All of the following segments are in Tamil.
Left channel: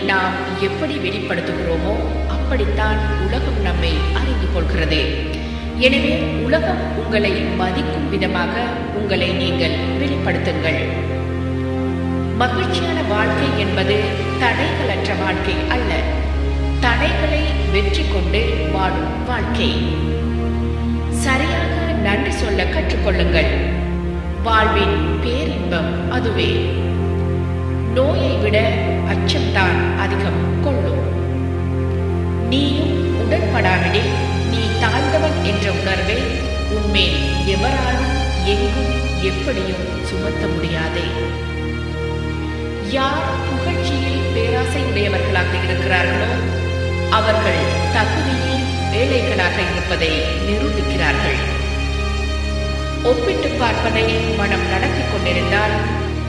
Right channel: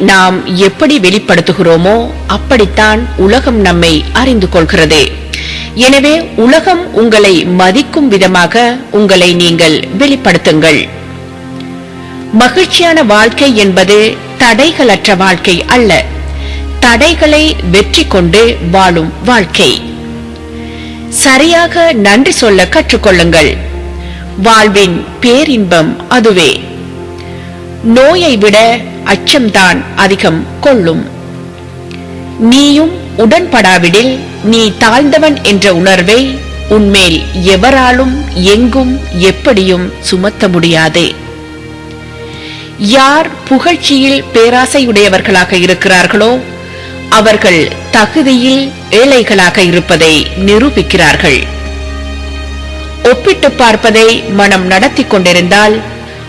நாம் எப்படி வெளிப்படுத்துகிறோமோ அப்படித்தான் உலகம் நம்மை அறிந்து கொள்கிறது. எனவே உலகம் உங்களை மதிக்கும் விதமாக உங்களை நீங்கள் வெளிப்படுத்துங்கள். மகிழ்ச்சியான வாழ்க்கை என்பது தடைகளற்ற வாழ்க்கை அல்ல, தடைகளை வெற்றி கொண்டு வாழும் வாழ்க்கை. சரியாக நன்றி சொல்ல கற்றுக்கொள்ளுங்கள். வாழ்வின் பேரின்பம் அதுவே. நோயை விட அச்சம்தான் அதிகம் கொள்ளும். நீயும் உடன்படாவிடில் நீ தாழ்ந்தவன் என்ற உணர்வை உன்மேல் எவராலும் எங்கும் எப்படியும் சுமத்த முடியாது. யார் புகழ்ச்சியில் பேராசையுடையவர்களாக இருக்கிறார்களோ அவர்கள் தகுதியில் ஏழைகளாக இருப்பதை நிரூபிக்கிறார்கள். ஒப்பிட்டு பார்ப்பதை மனம் நடத்தி கொண்டிருந்தால்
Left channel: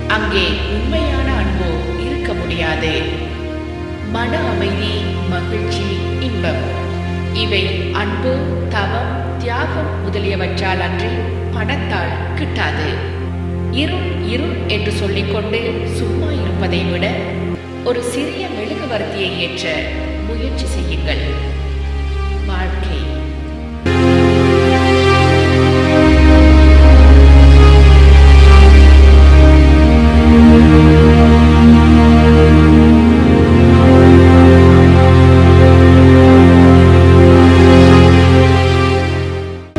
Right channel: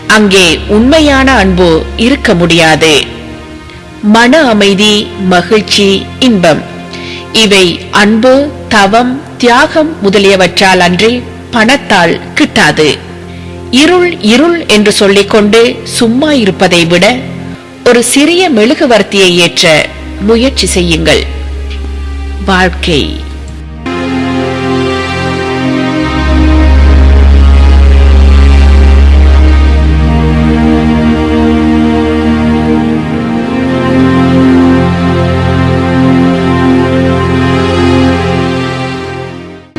அங்கே உண்மையான அன்பு இருக்க முடியாது. மன அமைதி, மகிழ்ச்சி, இன்பம் இவை அன்பு, தவம், தியாகம் முதலியவற்றால் அன்றி பணத்தால் கிட்டாது. இருள் இருள் என்று சொல்லிக்கொண்டு சும்மா இருப்பதை விட ஒரு சிறிய மெழுகுவர்த்தியை ஏற்ற முயற்சி செய்யுங்கள். வாழ்க்கை